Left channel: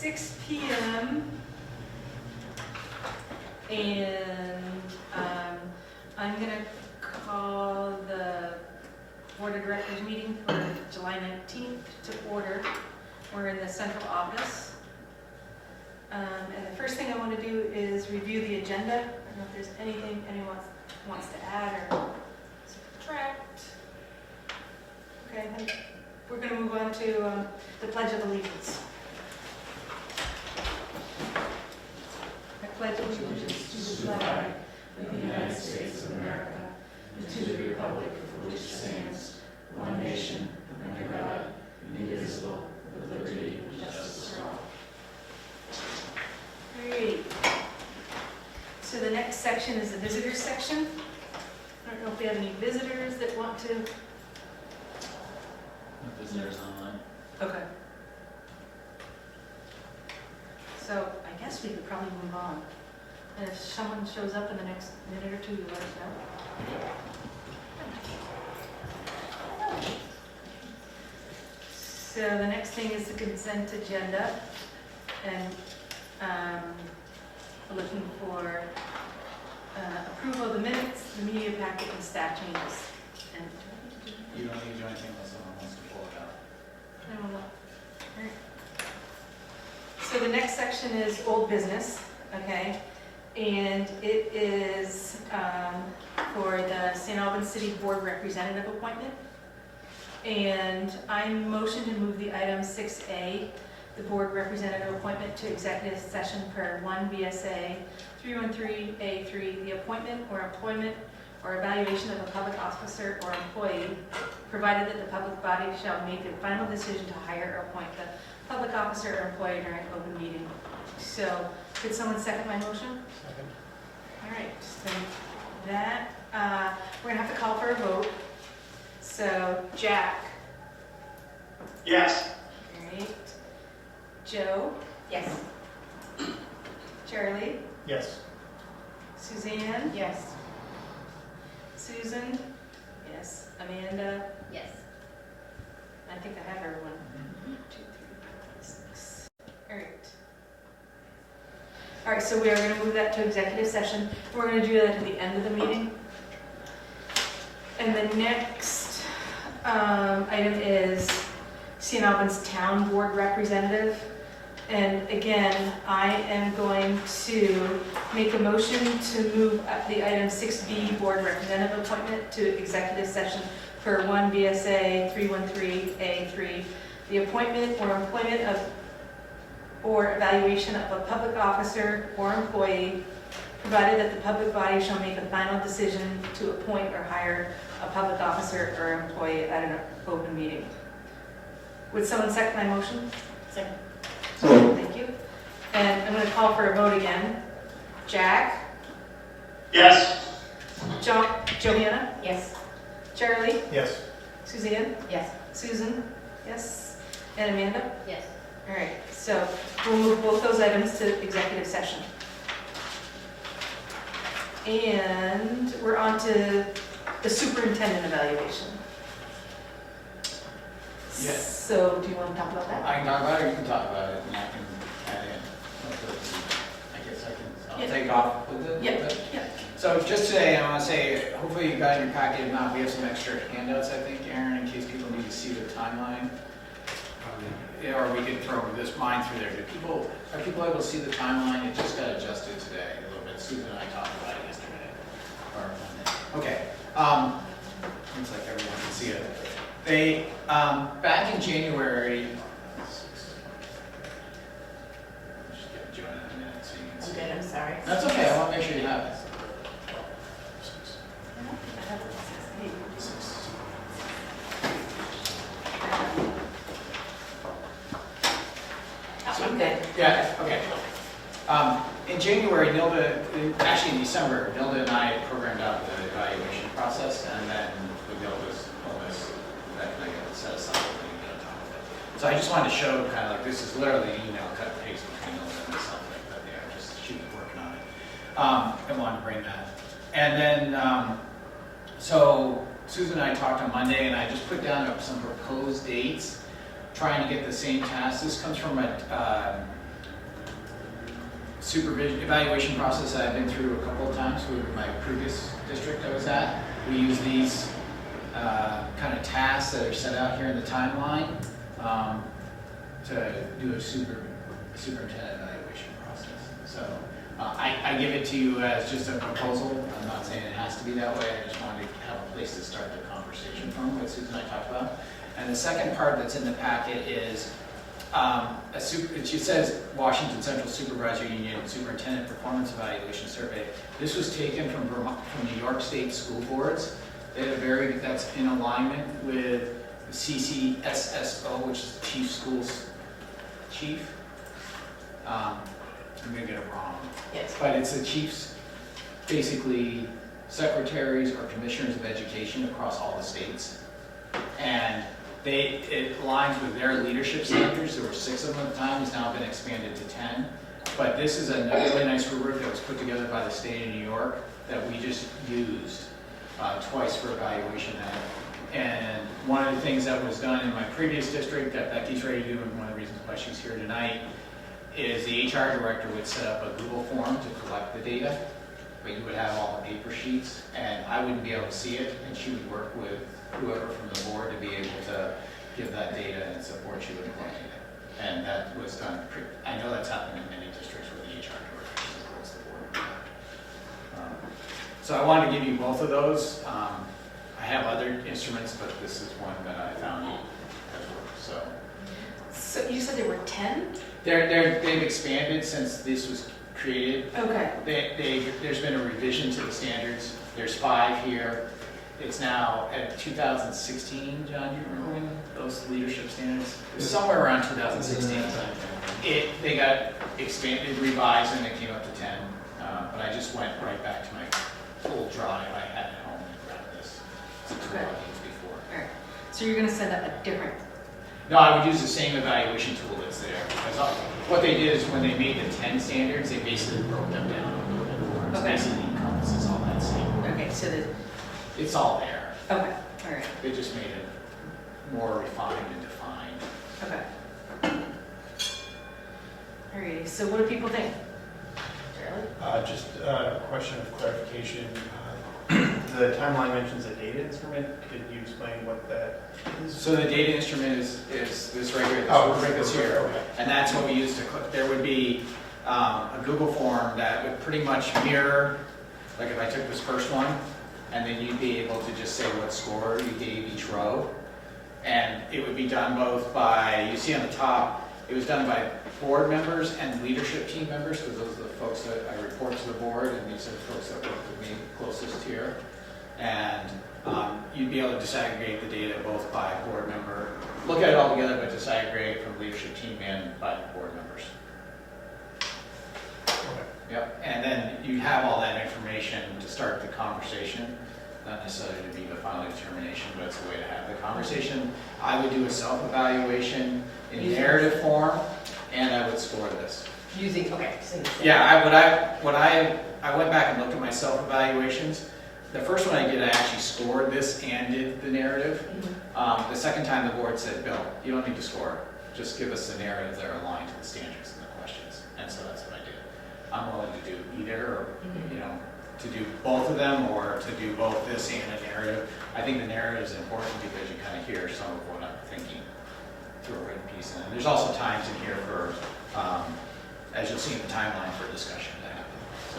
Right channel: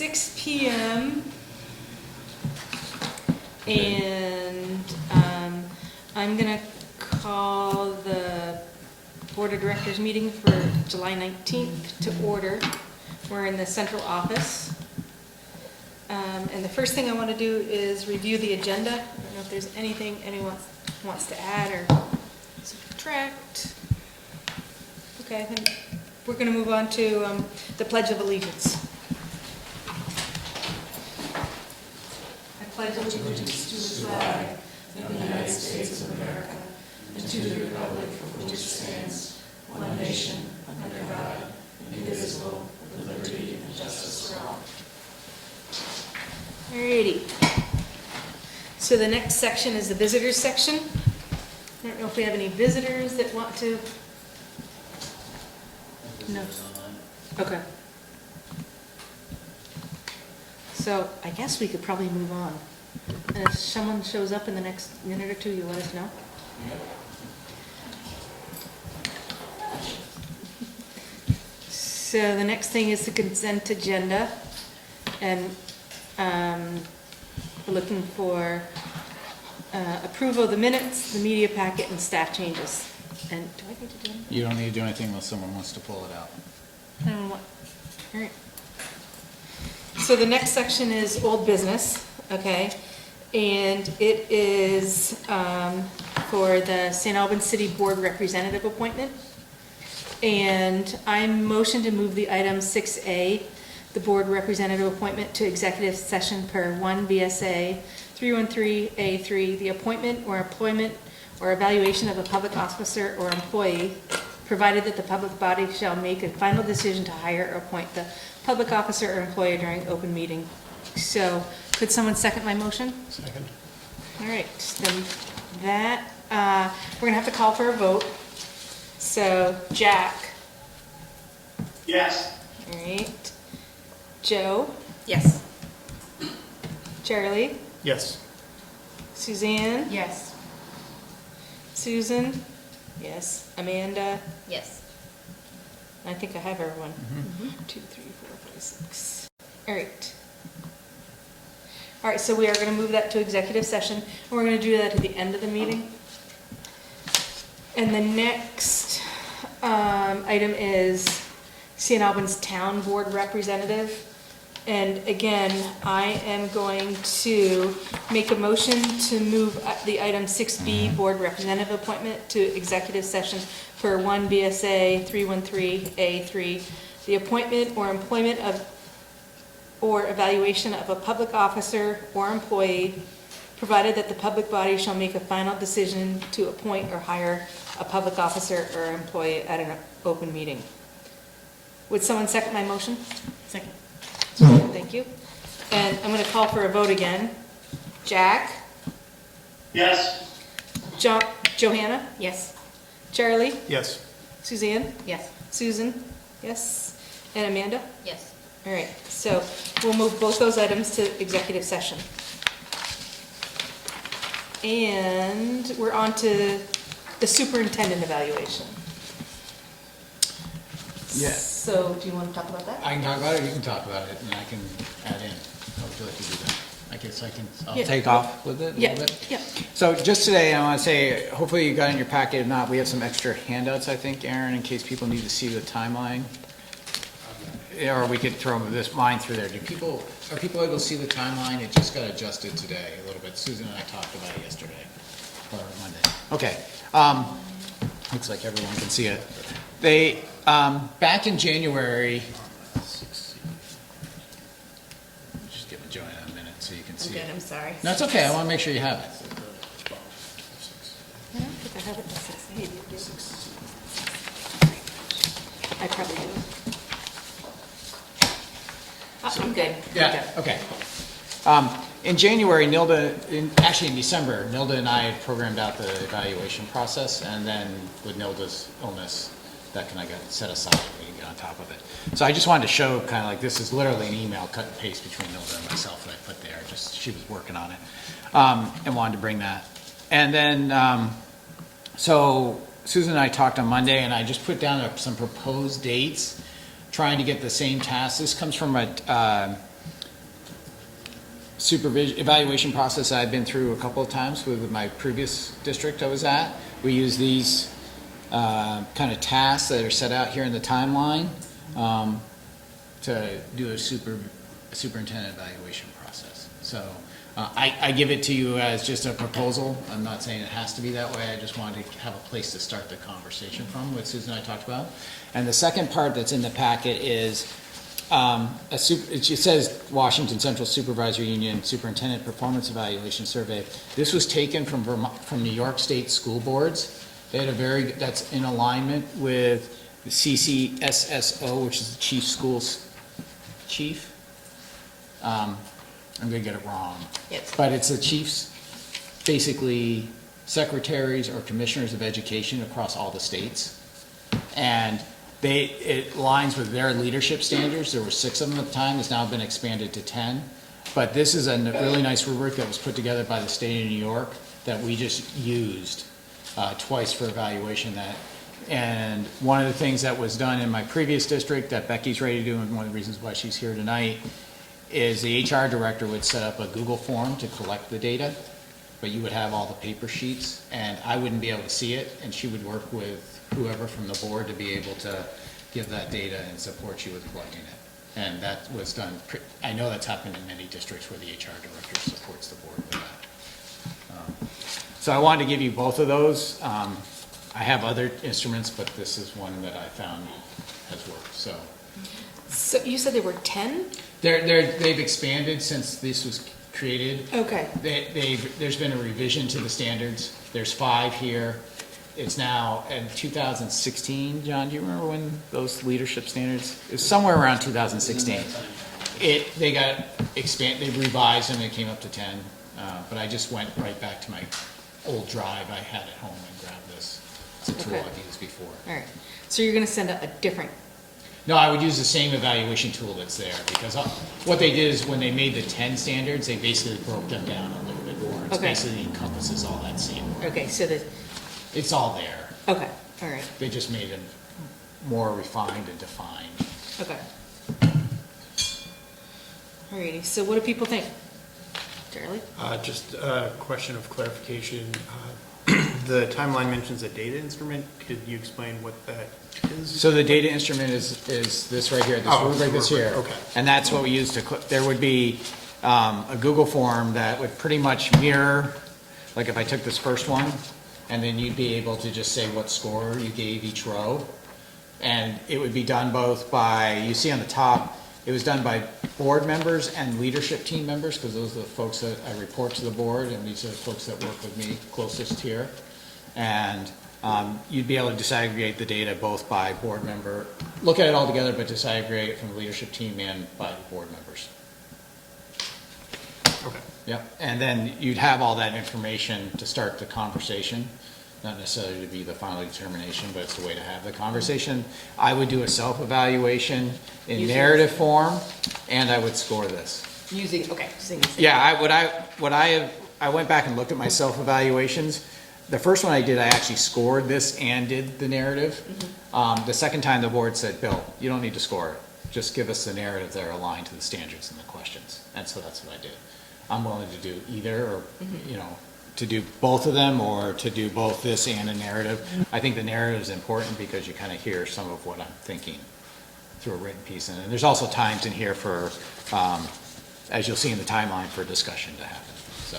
6 p.m. and I'm going to call the Board of Directors meeting for July 19th to order. We're in the central office. And the first thing I want to do is review the agenda. I don't know if there's anything anyone wants to add or subtract. Okay, then we're going to move on to the Pledge of Allegiance. I pledge allegiance to the flag of the United States of America and to the republic for which it stands, one nation, under God, indivisible, with liberty and justice for all. Alrighty. So the next section is the visitors section. I don't know if we have any visitors that want to. No. Okay. So I guess we could probably move on. And if someone shows up in the next minute or two, you let us know. So the next thing is the consent agenda. And we're looking for approval of the minutes, the media packet, and staff changes. And do I need to do anything? You don't need to do anything unless someone wants to pull it out. I don't know what. All right. So the next section is old business, okay? And it is for the St. Albans City Board Representative appointment. And I motion to move the item 6A, the board representative appointment, to executive session per 1 BSA 313A3, the appointment or employment or evaluation of a public officer or employee, provided that the public body shall make a final decision to hire or appoint the public officer or employee during open meeting. So, could someone second my motion? Second. All right, then that, we're gonna have to call for a vote. So, Jack. Yes. All right. Joe. Yes. Charlie. Yes. Suzanne. Yes. Susan. Yes. Amanda. Yes. I think I have everyone. Mm-hmm. 2, 3, 4, 5, 6. All right. All right, so we are going to move that to executive session. And we're going to do that at the end of the meeting. And the next item is St. Albans Town Board Representative. And again, I am going to make a motion to move the item 6B, Board Representative Appointment, to executive session per 1 BSA 313A3, the appointment or employment of or evaluation of a public officer or employee, provided that the public body shall make a final decision to appoint or hire a public officer or employee at an open meeting. Would someone second my motion? Second. Thank you. And I'm going to call for a vote again. Jack? Yes. Johanna? Yes. Charlie? Yes. Suzanne? Yes. Susan? Yes. And Amanda? Yes. All right, so we'll move both those items to executive session. And we're on to the superintendent evaluation. Yeah. So do you want to talk about that? I can talk about it, or you can talk about it, and I can add in. I guess I'll Yeah. take off with it a little Yeah, bit. yeah. So just today, I want to say, hopefully you got in your packet. If not, we have some extra handouts, I think, Aaron, in case people need to see the timeline. Yeah, or we could throw this line through there. Are people able to see the timeline? It just got adjusted today a little bit. Susan and I talked about it yesterday, or Monday. Okay. Looks like everyone can see it. They, back in January, just give Joanna a minute so you can see it. I'm sorry. No, it's okay. I want to make sure you have it. I don't think I have it in 6. I probably do. I'm good. Yeah, okay. In January, actually in December, Nilda and I programmed out the evaluation process, and then with Nilda's illness, that kind of got set aside on top of it. So I just wanted to show kind of like this is literally an email cut and paste between Nilda and myself that I put there. Just she was working on it, and wanted to bring that. And then, so Susan and I talked on Monday, and I just put down some proposed dates, trying to get the same tasks. This comes from a evaluation process I've been through a couple of times with my previous district I was at. We use these kind of tasks that are set out here in the timeline to do a superintendent evaluation process. So I give it to you as just a proposal. I'm not saying it has to be that way. I just wanted to have a place to start the conversation from, what Susan and I talked about. And the second part that's in the packet is it says Washington Central Supervisory Union Superintendent Performance Evaluation Survey. This was taken from New York State school boards. They had that's in alignment with the CCSSO, which is the chief. I'm gonna get it wrong. Yes. But it's the chiefs, basically secretaries or commissioners of education across all the states. And it aligns with their leadership standards. There were 6 of them at the time. It's now been expanded to 10. But this is a really nice rubric that was put together by the state of New York that we just used twice for evaluation. And one of the things that was done in my previous district that Becky's ready to do, and one of the reasons why she's here tonight, is the HR director would set up a Google form to collect the data, but you would have all the paper sheets, and I wouldn't be able to see it, and she would work with whoever from the board to be able to give that data and support you with plugging it. And that was done, I know that's happened in many districts where the HR director supports the board. So I wanted to give you both of those. I have other instruments, but this is one that I found has worked. So you said there were 10? They've expanded since this was created. Okay. There's been a revision to the standards. There's 5 here. It's now in 2016. John, do you remember when those leadership standards? It was somewhere around 2016. They got expanded, they revised, and it came up to 10. But I just went right back to my old drive I had at home and grabbed this. It's a tool I've used before. All right. So you're going to send a different. No, I would use the same evaluation tool that's there, because what they did is when they made the 10 standards, they basically broke them down a little bit more. It basically encompasses all that same. Okay, so it's all there. Okay, all right. They just made it more refined and defined. Okay. Alrighty, so what do people think? Charlie? Just a question of clarification. The timeline mentions a data instrument. Could you explain what that is? So the data instrument is this right here, this rubric that's here. Okay. And that's what we use to, there would be a Google form that would pretty much mirror, like if I took this first one, and then you'd be able to just say what score you gave each row. And it would be done both by, you see on the top, it was done by board members and leadership team members, because those are the folks that I report to the board, and these are the folks that work with me closest here. And you'd be able to disaggregate the data both by board member, look at it all together, but disaggregate it from the leadership team and by board members. Okay. Yep, and then you'd have all that information to start the conversation, not necessarily to be the final determination, but it's the way to have the conversation. I would do a self-evaluation in narrative form, and I would score this. Yeah, I went back and looked at my self-evaluations. The first one I did, I actually scored this and did the narrative. The second time the board said, Bill, you don't need to score, just give us the narrative that are aligned to the standards and the questions. And so that's what I did. I'm willing to do either, or, to do both of them, or to do both this and a narrative. I think the narrative is important because you kind of hear some of what I'm thinking through a written piece. And there's also times in here for, as you'll see in the timeline, for discussion to happen. So,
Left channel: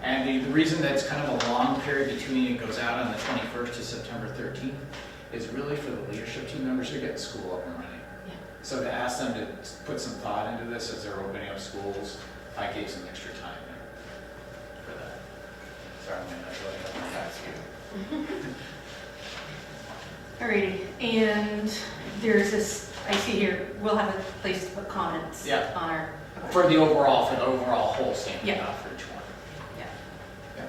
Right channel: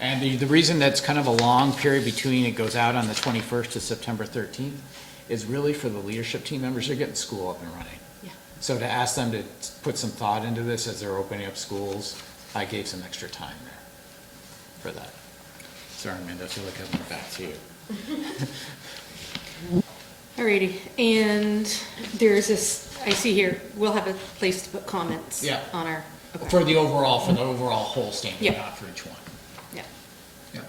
and the reason that's kind of a long period between it goes out on the 21st to September 13th is really for the leadership team members. They're getting school up and running. Yeah. So to ask them to put some thought into this as they're opening up schools, I gave some extra time there for that. Sorry, Amanda, if you look at my back too. Alrighty, and there's this, I see here, we'll have a place to put comments on our. Okay. For the overall whole standard, Yeah. not for each one. Yeah. Yeah.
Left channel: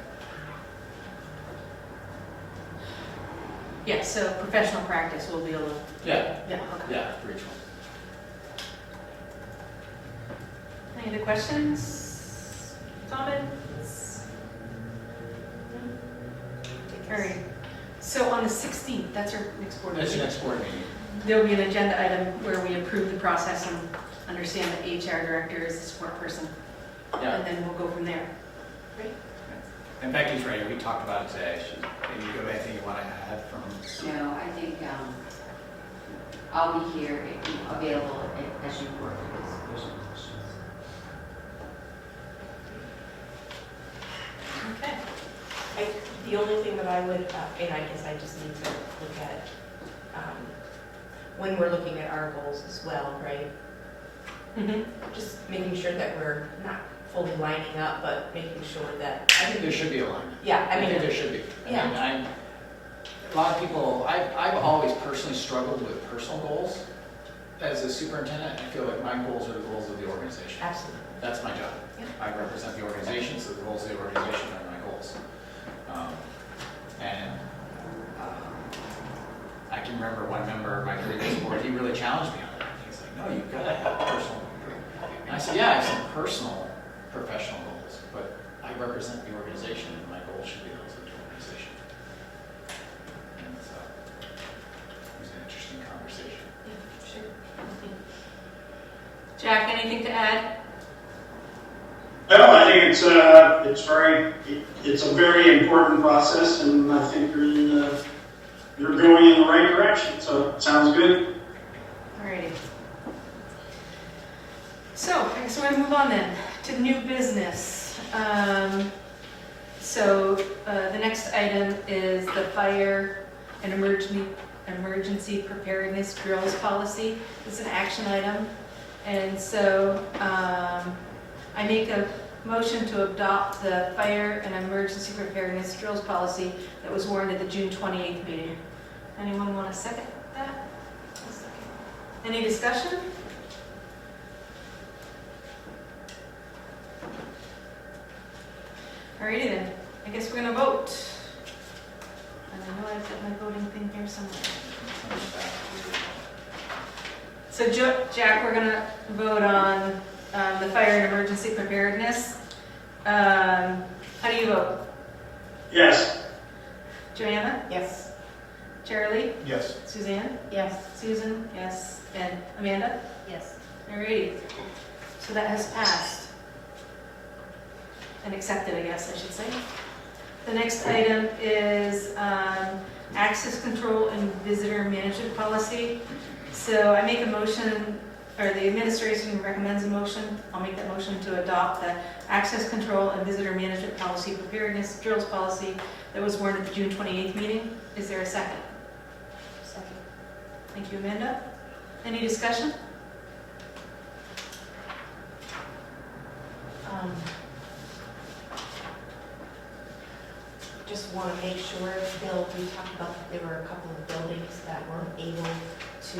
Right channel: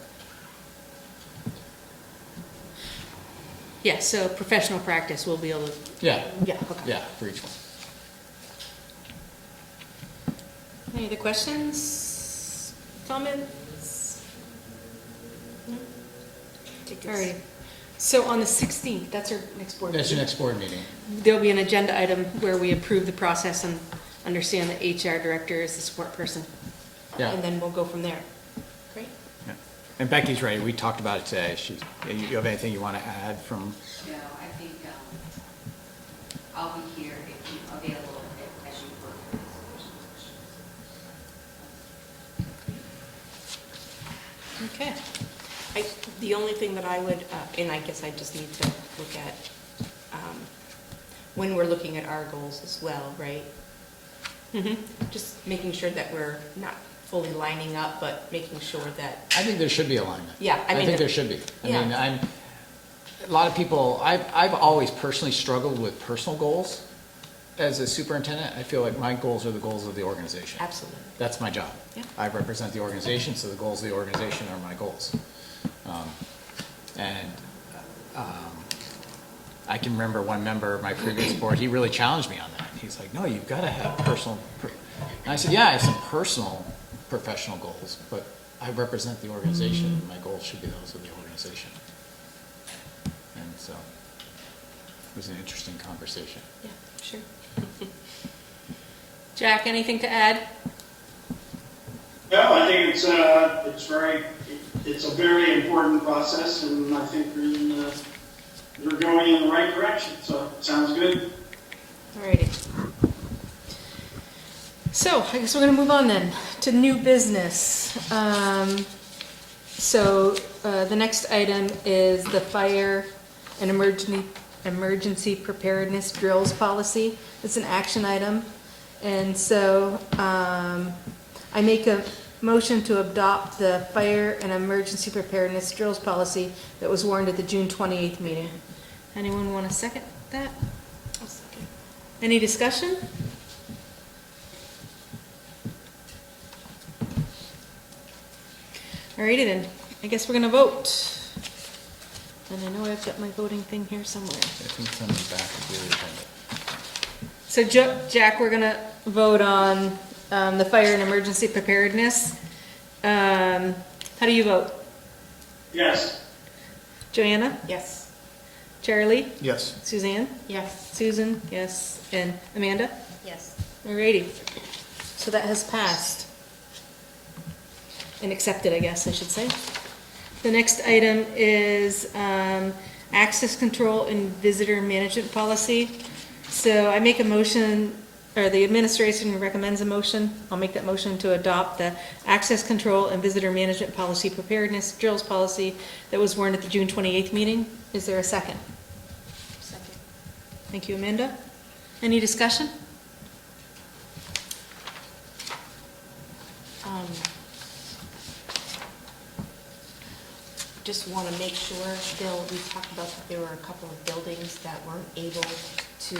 Yeah, so professional practice will be able to. Yeah. Yeah, okay. Yeah, for each one. Any other questions, comments? No? Alright, so on the 16th, that's our next board meeting. That's your next board meeting. There'll be an agenda item where we approve the process and understand that HR director is the support person. Yeah. And then we'll go from there. Great. And Becky's ready. We talked about it today. You have anything you want to add from? No, I think I'll be here, available as you work on this. Okay. The only thing that I would, and I guess I just need to look at, when we're looking at our goals as well, right? Mm-hmm. Just making sure that we're not fully lining up, but making sure that, I think there should be alignment. yeah, I think there should be. I Yeah. mean, a lot of people, I've always personally struggled with personal goals. As a superintendent, I feel like my goals are the goals of the organization. absolutely. That's my job. Yeah. I represent the organization, so the goals of the organization are my goals. And I can remember one member of my previous board, he really challenged me on that. He's like, no, you've got to have personal. And I said, yeah, I have some personal professional goals, but I represent the organization, and my goals should be those of the organization. And so it was an interesting conversation. Yeah, sure. Jack, anything to add? No, I think it's a very important process, and I think you're going in the right direction, so it sounds good. Alrighty. So, I guess we're gonna move on then to new business. The next item is the fire and emergency preparedness drills policy. It's an action item. And so, I make a motion to adopt the fire and emergency preparedness drills policy that was warned at the June 28th meeting. Anyone want to second that? Any discussion? Alrighty then, I guess we're gonna vote. And I know I've got my voting thing here somewhere. So Jack, we're gonna vote on the fire and emergency preparedness. How do you vote? Yes. Joanna? Yes. Charlie? Yes. Suzanne? Yes. Susan? Yes. And Amanda? Yes. Alrighty. So that has passed. And accepted, I guess I should say. The next item is access control and visitor management policy. So I make a motion, or the administration recommends a motion. I'll make that motion to adopt the access control and visitor management policy preparedness drills policy that was warned at the June 28th meeting. Is there a second? Second. Thank you, Amanda. Any discussion? Just want to make sure, Bill, we talked about that there were a couple of buildings that weren't able to,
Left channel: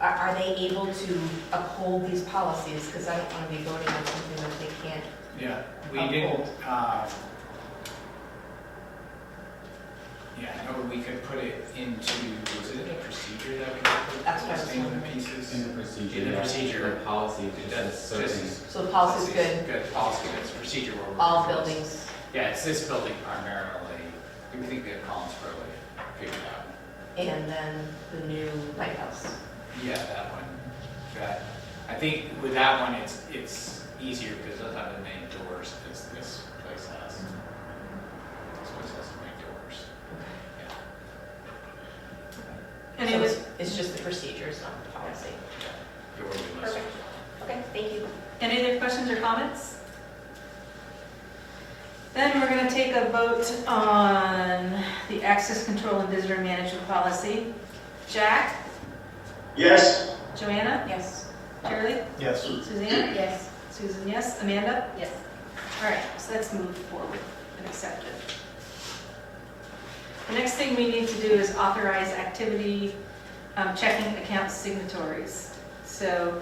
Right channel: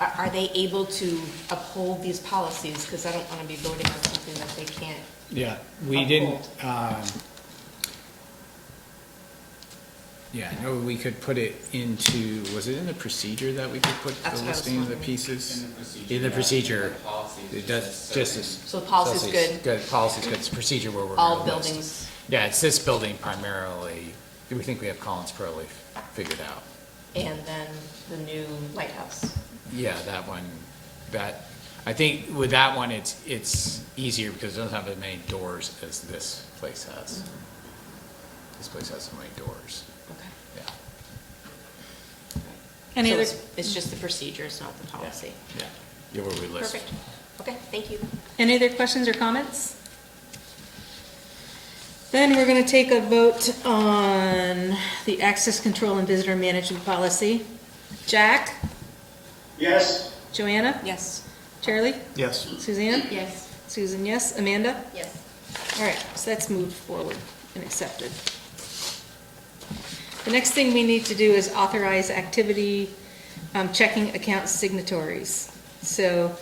are they able to uphold these policies? Because I don't want to be voting on something that they can't. Yeah, we didn't, no, we could put it into, was it in the procedure that we could put That's the what I was listing of the wondering. pieces? In the procedure. Policy. It does, just. So the policy's good, Good, policy's good, it's procedure where we're. all gonna list. buildings. Yeah, it's this building primarily, we think we have Collins Crowley figured out. And then the new lighthouse. Yeah, that one, I think with that one, it's easier because it doesn't have as many doors as this place has. This place has so many doors, Okay. yeah. Any So other, it's just the procedures, not the policy. Yeah, you're where we list. Perfect. Okay, thank you. any other questions or comments? Then we're gonna take a vote on the access control and visitor management policy. Jack? Yes. Joanna? Yes. Charlie? Yes. Suzanne? Yes. Susan, yes. Amanda? Yes. All right, so that's moved forward and accepted. The next thing we need to do is authorize activity checking account signatories. So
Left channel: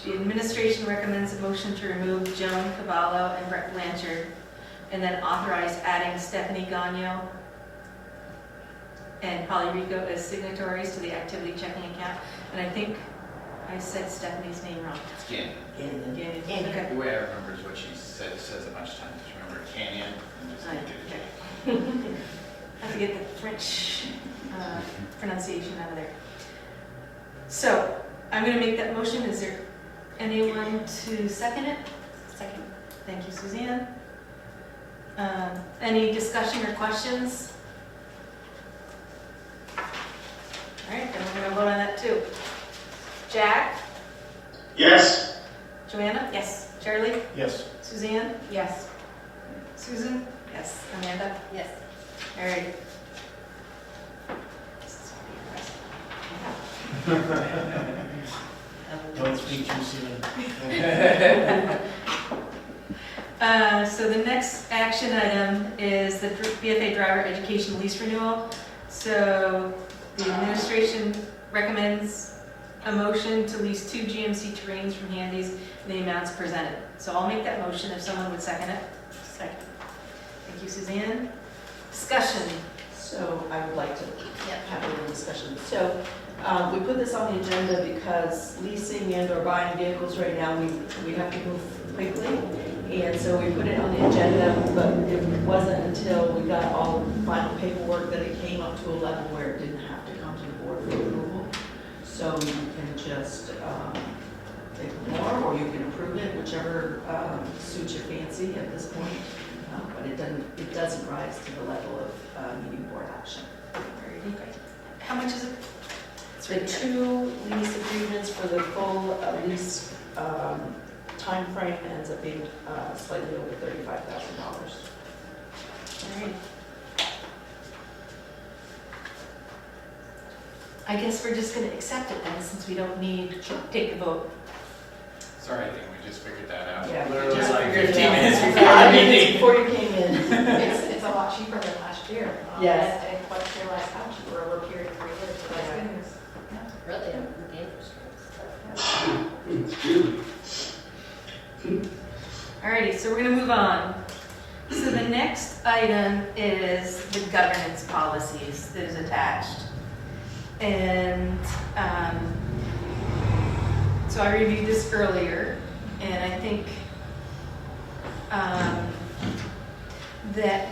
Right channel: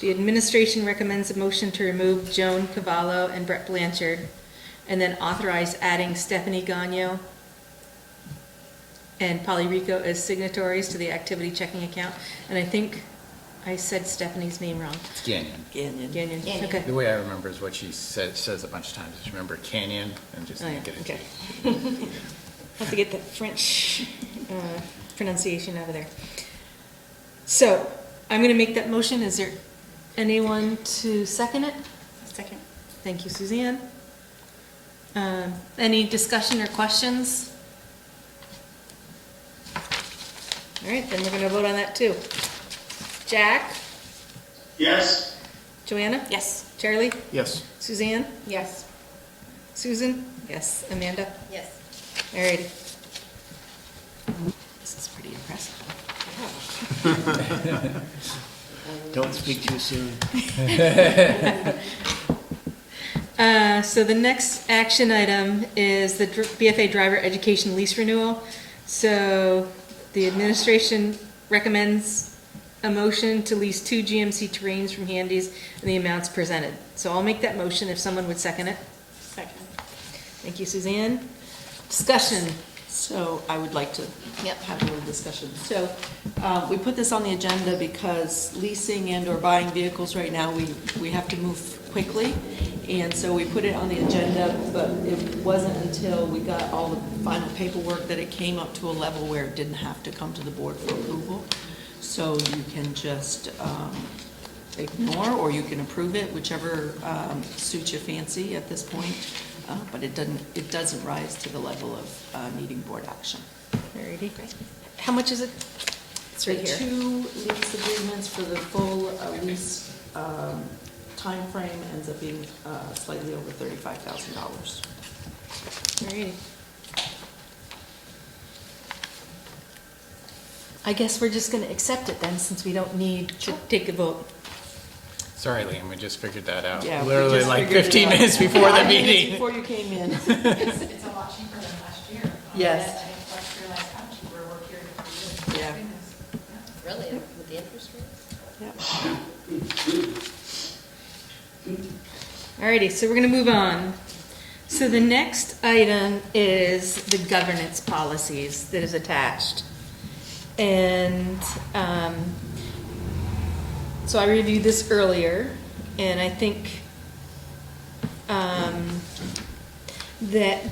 the administration recommends a motion to remove Joan Cavallo and Brett Blanchard, and then authorize adding Stephanie Gagno and Polly Rico as signatories to the activity checking account. And I think I said Stephanie's name wrong. It's Canyon. Gannon. Gannon. Okay. The way I remember is what she says a bunch of times, is remember Canyon and just Oh, yeah, get it. okay. Have to get the French pronunciation out of there. So, I'm gonna make that motion. Is there Anyone to second it? Second. Thank you, Suzanne. Any discussion or questions? All right, then we're gonna vote on that too. Jack? Yes, Joanna? Yes. Charlie? Yes. Suzanne? Yes. Susan? Yes. Amanda? Yes. All right. This is pretty impressive. Don't speak too soon. So the next action item is the BFA driver education lease renewal. So the administration recommends a motion to lease 2 GMC Terrains from Handy's and the amounts presented. So I'll make that motion if someone would second it. Second. Thank you, Suzanne. Discussion. So I would like to have a little discussion. So we put this on the agenda because leasing and or buying vehicles right now, we have to move quickly. And so we put it on the agenda, but it wasn't until we got all the final paperwork that it came up to a level where it didn't have to come to the board for approval. So you can just ignore or you can approve it, whichever suits your fancy at this point. But it doesn't rise to the level of needing board action. Alrighty. How much is it? It's right The here. 2 lease agreements for the full lease timeframe ends up being slightly over $35,000. Alrighty. I guess we're just gonna accept it then, since we don't need to take a vote. Sorry, Liam, we just figured that out. Yeah, we Literally just like figured it 15 out. minutes before the meeting. Before you came in. It's a lot cheaper than last year. Yes. I didn't quite realize how cheap we're period for living. Yeah. Goodness. Really, with the interest rates. Alrighty, so we're gonna move on. So the next item is the governance policies that is attached. And, so I reviewed this earlier, and I think, that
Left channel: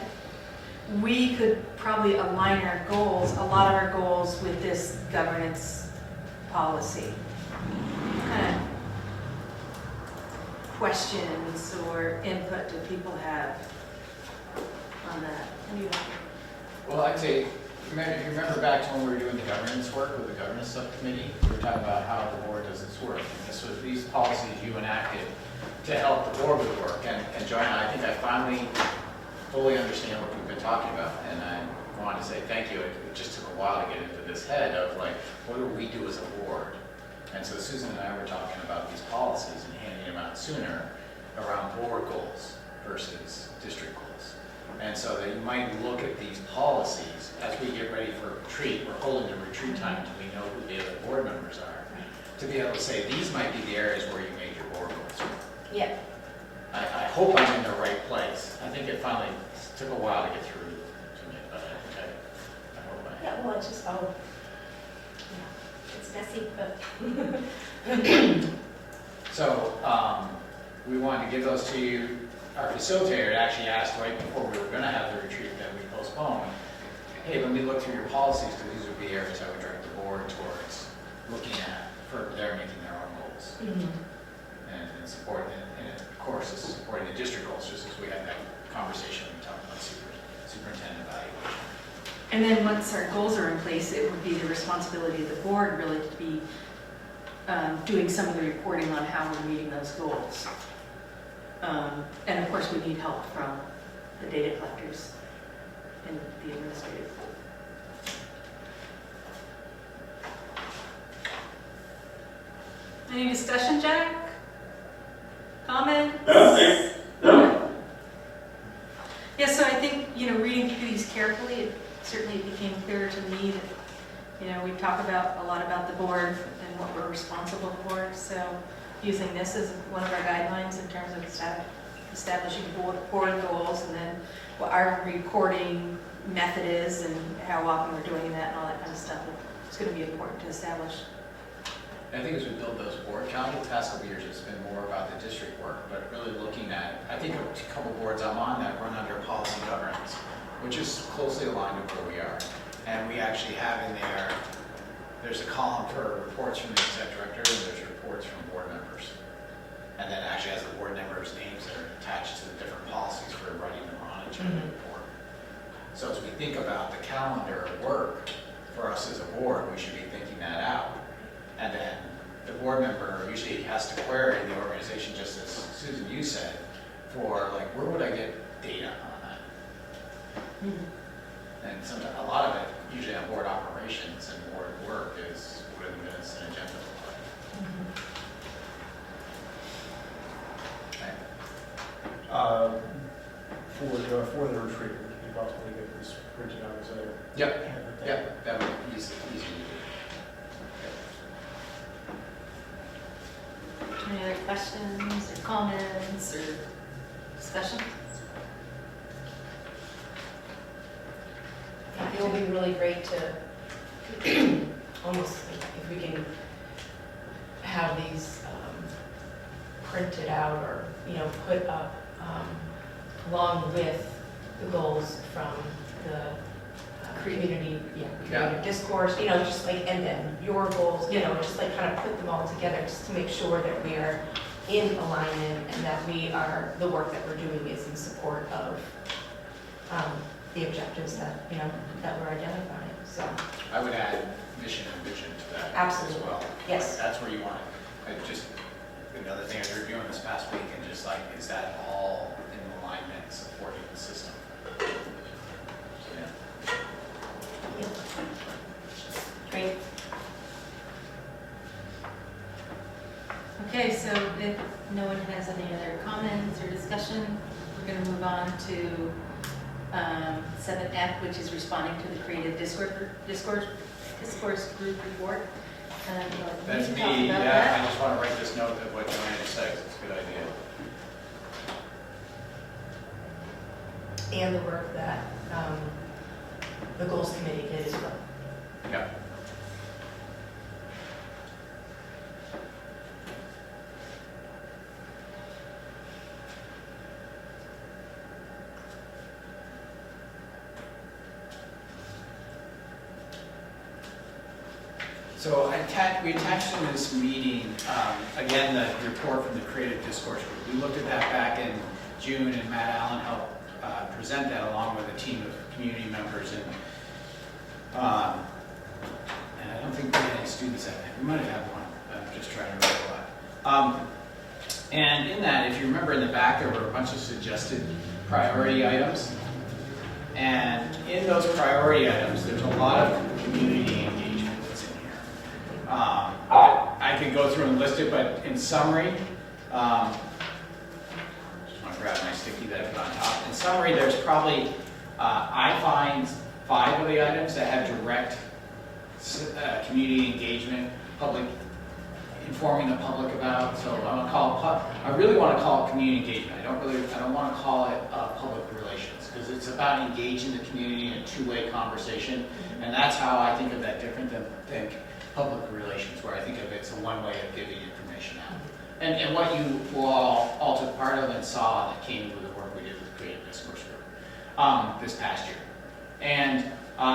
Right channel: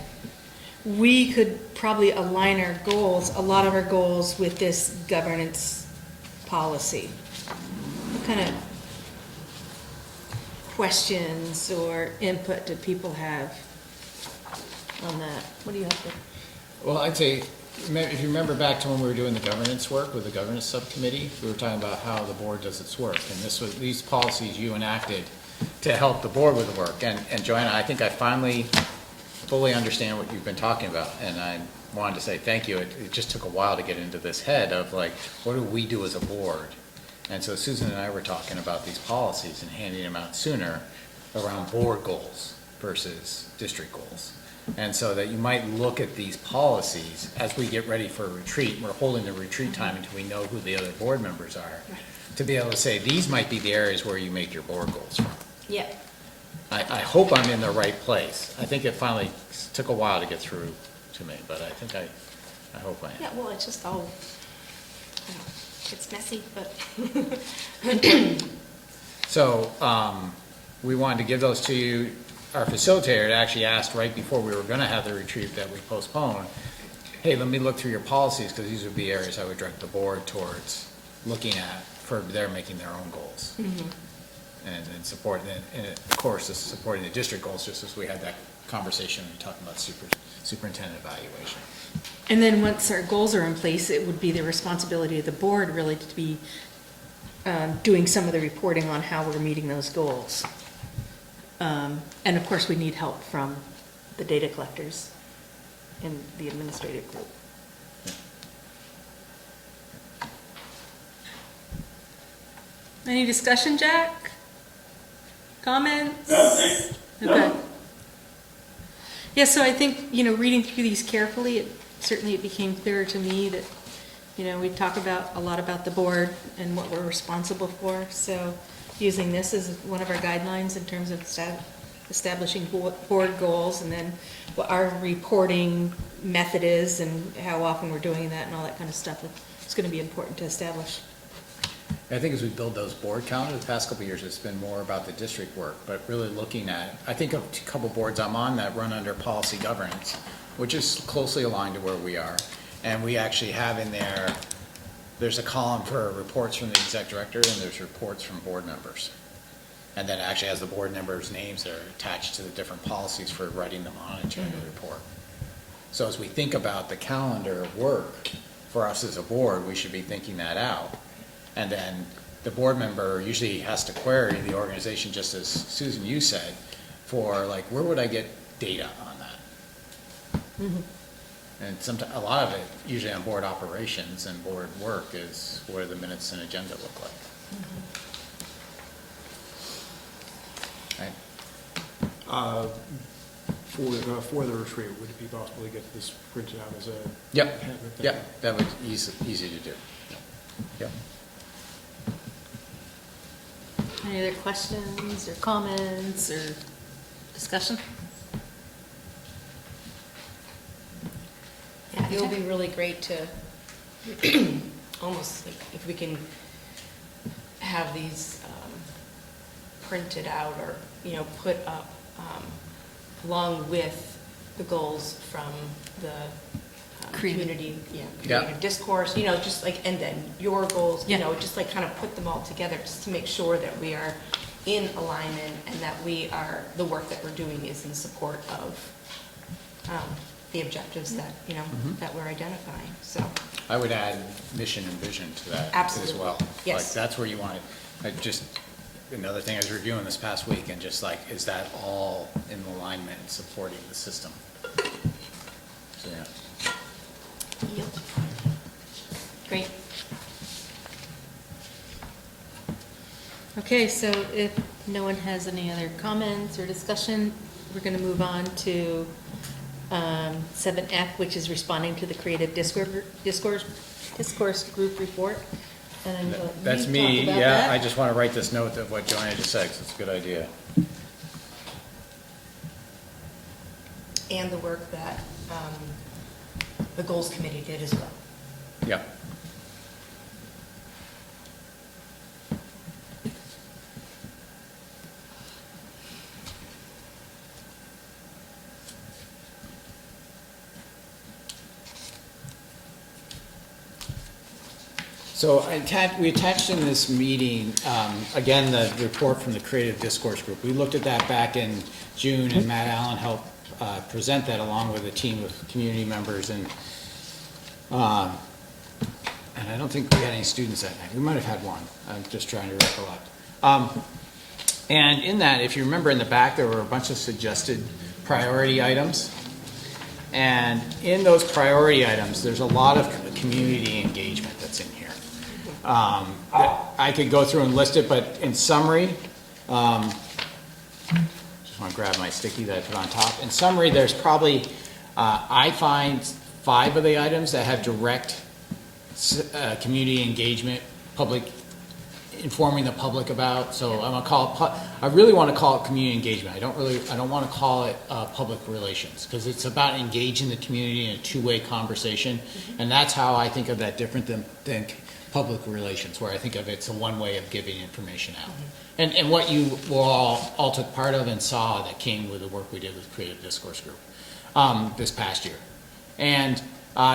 we could probably align our goals, a lot of our goals, with this governance policy. What kind of questions or input do people have on that? What do you have? Well, I'd say, if you remember back to when we were doing the governance work with the governance subcommittee, we were talking about how the board does its work. And these policies you enacted to help the board with the work. And Joanna, I think I finally fully understand what you've been talking about. And I wanted to say thank you. It just took a while to get into this head of like, what do we do as a board? And so Susan and I were talking about these policies and handing them out sooner around board goals versus district goals. And so that you might look at these policies as we get ready for a retreat. We're holding the retreat time until we know who the other board members are. To be able to say, these might be the areas where you make your board goals from. Yeah. I hope I'm in the right place. I think it finally took a while to get through to me, but I think I hope I am. Yeah, well, it's just all, it's messy, but. So, we wanted to give those to you. Our facilitator had actually asked right before we were gonna have the retreat that we postponed, hey, let me look through your policies, because these would be areas I would direct the board towards looking at for their making their own goals. And support, and of course, this is supporting the district goals, just as we had that conversation, we talked about superintendent evaluation. And then once our goals are in place, it would be the responsibility of the board really to be doing some of the reporting on how we're meeting those goals. And of course, we need help from the data collectors and the administrative group. Any discussion, Jack? Comments? Okay. Okay. Yeah, so I think, reading through these carefully, it became clearer to me that, we talk about a lot about the board and what we're responsible for. So using this as one of our guidelines in terms of establishing board goals, and then what our reporting method is and how often we're doing that and all that kind of stuff. It's going to be important to establish. I think as we build those board count, the past couple of years, it's been more about the district work, but really looking at, I think a couple boards I'm on that run under policy governance, which is closely aligned to where we are. And we actually have in there's a column for reports from the exec director, and there's reports from board members. And then actually has the board members' names that are attached to the different policies for writing them on agenda report. So as we think about the calendar of work for us as a board, we should be thinking that out. And then the board member usually has to query the organization, just as Susan, you said, for like, where would I get data on that? And sometimes, a lot of it, usually on board operations and board work, is what are the minutes and agenda look like. Right? For the retreat, would we probably get this printed out as a? Yep, yep, that was easy to do. Yep. Any other questions or comments or discussion? Yeah, it would be really great to, almost, if we can have these printed out or, you know, put up along with the goals from the community, creative discourse, you know, just like, and then your goals, you know, just like kind of put them all together just to make sure that we are in alignment and that we are, the work that we're doing is in support of the objectives that, you know, that we're identifying, so. I would add mission and vision to that Absolutely. as well. Yes. Like, that's where you want it. Just, another thing I was reviewing this past week, and just like, is that all in alignment, supporting the system? So, yeah. Great. Okay, so if no one has any other comments or discussion, we're gonna move on to 7F, which is responding to the creative discourse group report. And That's we can talk me, about yeah, that. I just want to write this note of what Joanna just said, 'cause it's a good idea. And the work that the goals committee did as well. Yeah. So we attached in this meeting, again, the report from the Creative Discourse Group. We looked at that back in June, and Matt Allen helped present that along with a team of community members. And I don't think we had any students that night. We might have had one. I'm just trying to recollect. And in that, if you remember in the back, there were a bunch of suggested priority items. And in those priority items, there's a lot of community engagement that's in here. I could go through and list it, but in summary, just want to grab my sticky that I put on top. In summary, there's probably, I find 5 of the items that have direct community engagement, public, informing the public about. So I'm gonna call it, I really want to call it community engagement. I don't want to call it public relations, because it's about engaging the community in a two-way conversation, and that's how I think of that different than public relations, where I think of it's a one way of giving information out. And what you all took part of and saw that came with the work we did with the Creative Discourse Group this past year. And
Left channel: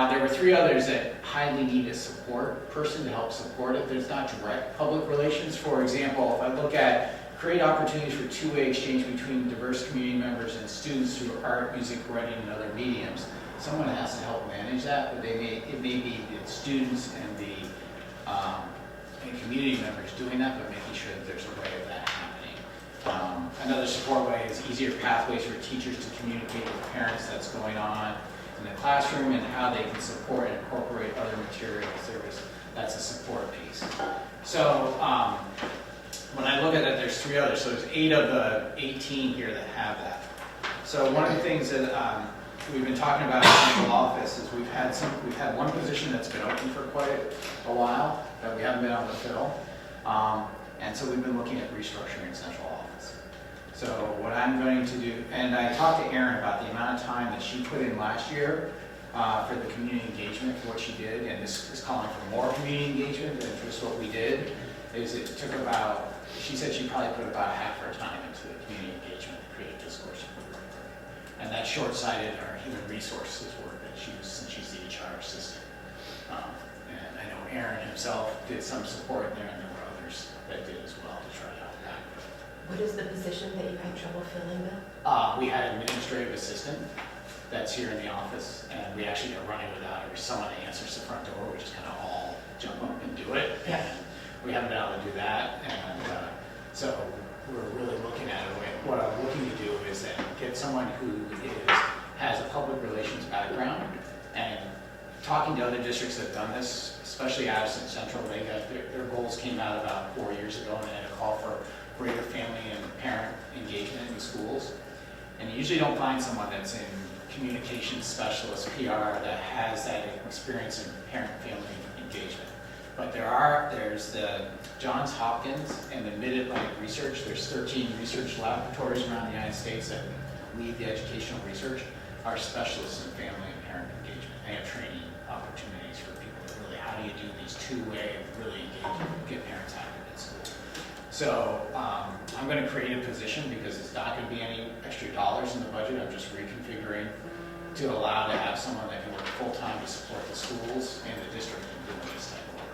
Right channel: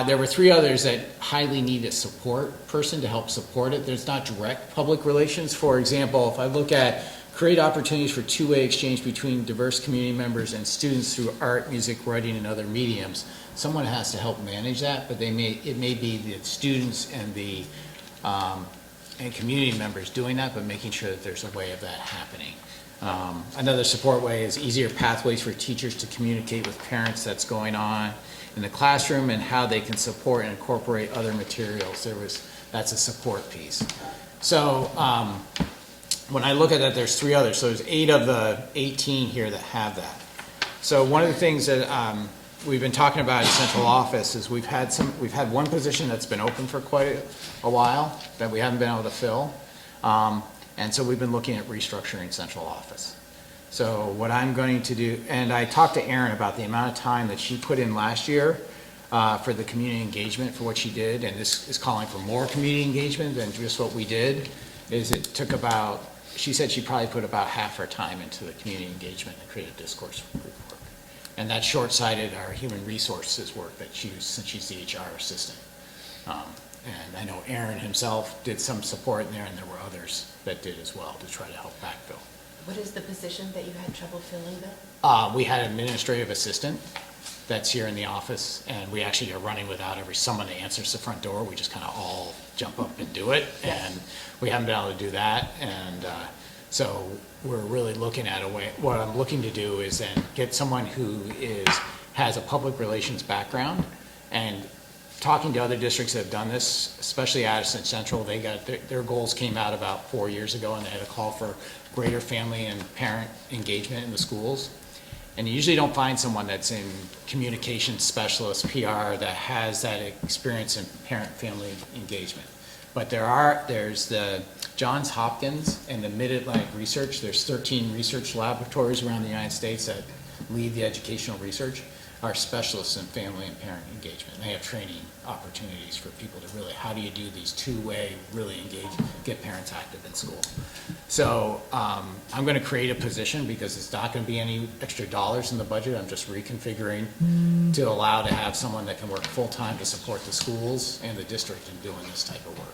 there were 3 others that highly need a support person to help support it. There's not direct public relations. For example, if I look at create opportunities for two-way exchange between diverse community members and students through art, music, writing, and other mediums, someone has to help manage that, but it may be the students and the and community members doing that, but making sure that there's a way of that happening. Another support way is easier pathways for teachers to communicate with parents that's going on in the classroom and how they can support and incorporate other materials. That's a support piece. So when I look at that, there's 3 others. So there's 8 of the 18 here that have that. So one of the things that we've been talking about in central office is we've had one position that's been open for quite a while that we haven't been able to fill. And so we've been looking at restructuring central office. So what I'm going to do, and I talked to Erin about the amount of time that she put in last year for the community engagement for what she did, and this is calling for more community engagement than just what we did, is it took about, she said she probably put about half her time into the community engagement and creative discourse. And that's short-sighted our human resources work that she used since she's the HR assistant. And I know Aaron himself did some support in there, and there were others that did as well to try to help backfill. What is the position that you've had trouble filling then? We had an administrative assistant that's here in the office, and we actually are running without someone that answers the front door. We just kind of all jump up and do it, Yeah. and we haven't been able to do that. And so we're really looking at a way. What I'm looking to do is then get someone who has a public relations background, and talking to other districts that have done this, especially Addison Central, they got their goals came out about 4 years ago, and they had a call for greater family and parent engagement in the schools. And you usually don't find someone that's in communication specialist, PR, that has that experience in parent-family engagement. But there's the Johns Hopkins and the Mid-Atlantic Research. There's 13 research laboratories around the United States that lead the educational research, are specialists in family and parent engagement. They have training opportunities for people to really, how do you do these two-way, really engage, get parents active at school. So I'm going to create a position because it's not going to be any extra dollars in the budget. I'm just reconfiguring to allow to have someone that can work full-time to support the schools and the district in doing this type of work.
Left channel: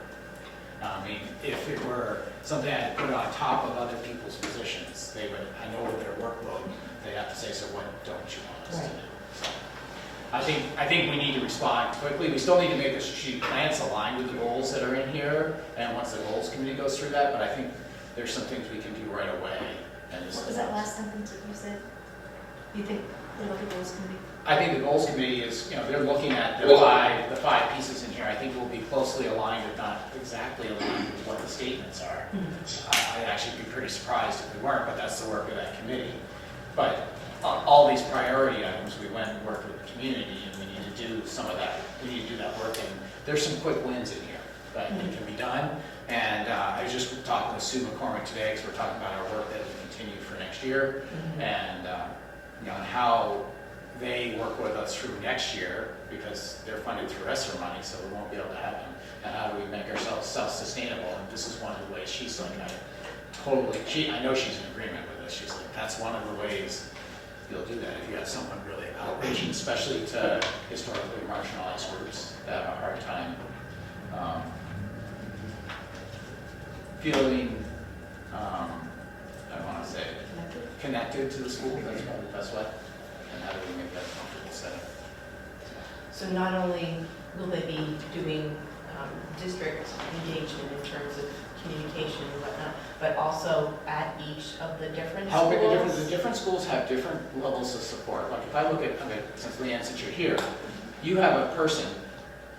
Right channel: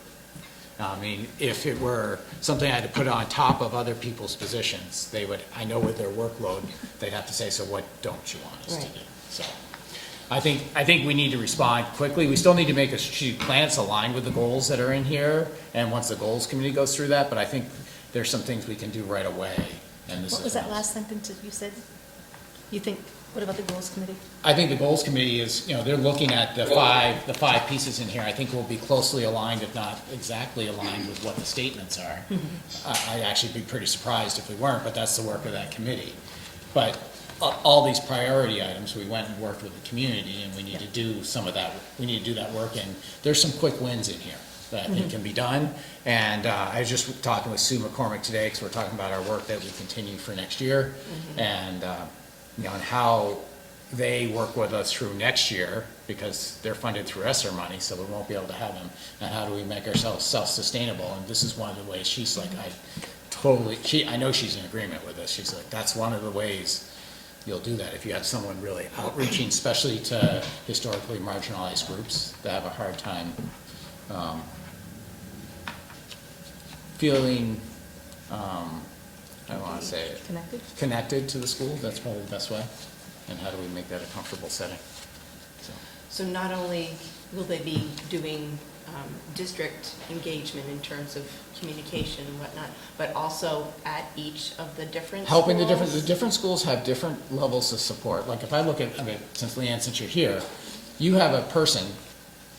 I mean, if it were something I had to put on top of other people's positions, they would, I know with their workload, they'd have to say, so what don't you want us to do? So I think we need to respond quickly. We still need to make a strategic plan that's aligned with the goals that are in here, and once the goals committee goes through that, but I think there's some things we can do right away. And What was that last sentence that you said? You think, what about the goals committee? I think the goals committee is, they're looking at the five pieces in here. I think we'll be closely aligned, if not exactly aligned with what the statements are. I'd actually be pretty surprised if we weren't, but that's the work of that committee. But all these priority items, we went and worked with the community, and we need to do some of that. We need to do that work, and there's some quick wins in here that I think can be done. And I was just talking with Sue McCormick today, because we're talking about our work that we continue for next year, and and how they work with us through next year, because they're funded through ESSER money, so we won't be able to have them. And how do we make ourselves self-sustainable? And this is one of the ways. She's like, I know she's in agreement with us. She's like, that's one of the ways you'll do that, if you have someone really outreaching, especially to historically marginalized groups that have a hard time feeling, I don't want to say it, connected to the school. That's probably the best way. And how do we make that a comfortable setting? So not only will they be doing district engagement in terms of communication and whatnot, but also at each of the different Helping schools? the different schools have different levels of support. Like if I look at, since Leanne, since you're here, you have a person